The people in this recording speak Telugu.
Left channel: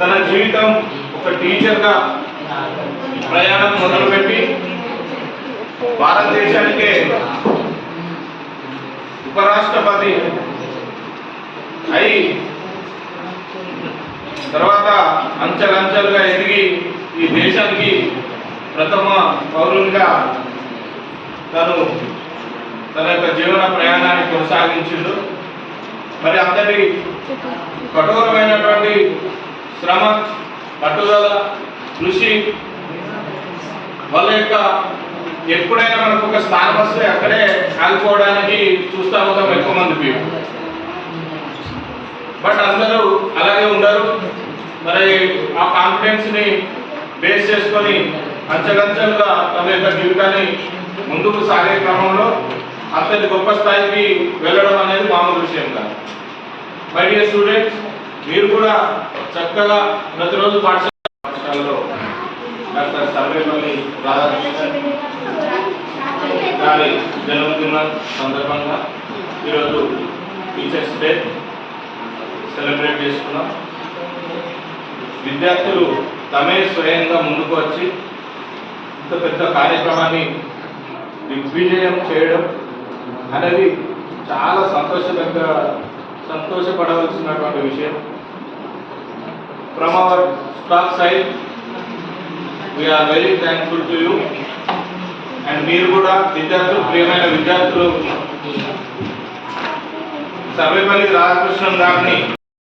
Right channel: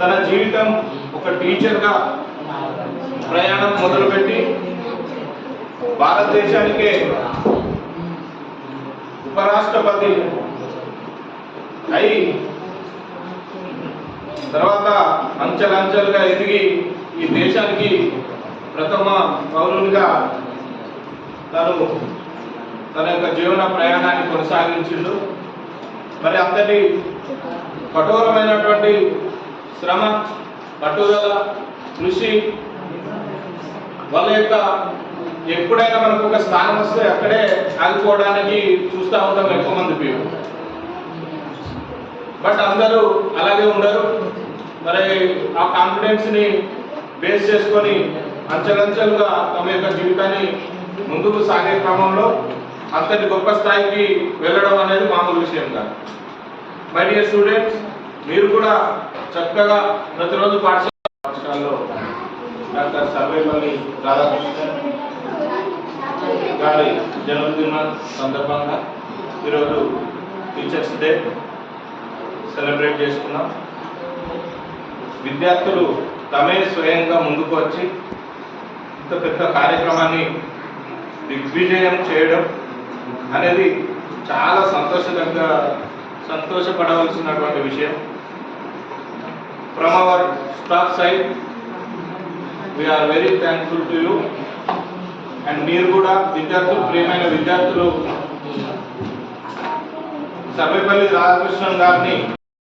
తన జీవితం ఒక టీచర్గా ప్రయాణం మొదలుపెట్టి భారతదేశానికే ఉపరాష్ట్రపతి అయి తర్వాత అంచెలంచెలుగా ఎదిగి ఈ దేశానికి ప్రథమ పౌరునిగా తను తన యొక్క జీవన ప్రయాణాన్ని కొనసాగించిండు. మరి అంతటి కఠోరమైనటువంటి శ్రమ పట్టుదల కృషి వాళ్ళ యొక్క ఎప్పుడైనా మనకు ఒక స్థానం వస్తే అక్కడే ఆగిపోవడానికి చూస్తూ ఉంటాం ఎక్కువ మంది పీపుల్ బట్ అందరూ అలాగే ఉండరు. మరి ఆ కాన్ఫిడెన్స్ని బేస్ చేసుకొని అంచెలంచెలుగా తమ యొక్క జీవితాన్ని ముందుకు సాగే క్రమంలో అంతటి గొప్ప స్థాయికి వెళ్ళడం అనేది మామూలు విషయం కాదు. మై డియర్ స్టూడెంట్స్ మీరు కూడా చక్కగా ప్రతిరోజు పాఠశాల పాఠశాలలో డాక్టర్ సర్వేపల్లి రాధాకృష్ణన్ గారి జన్మదిన సందర్భంగా ఈరోజు టీచర్స్ డే సెలబ్రేట్ చేసుకున్నాం. విద్యార్థులు తమే స్వయంగా ముందుకు వచ్చి ఇంత పెద్ద కార్యక్రమాన్ని దిగ్విజయం చేయడం అనేది చాలా సంతోషదగ్గ సంతోషపడవలసినటువంటి విషయం. From our staff side we are very thankful to you and మీరు కూడా విద్యార్థులు ప్రియమైన విద్యార్థులు సర్వేపల్లి రాధాకృష్ణన్ గారిని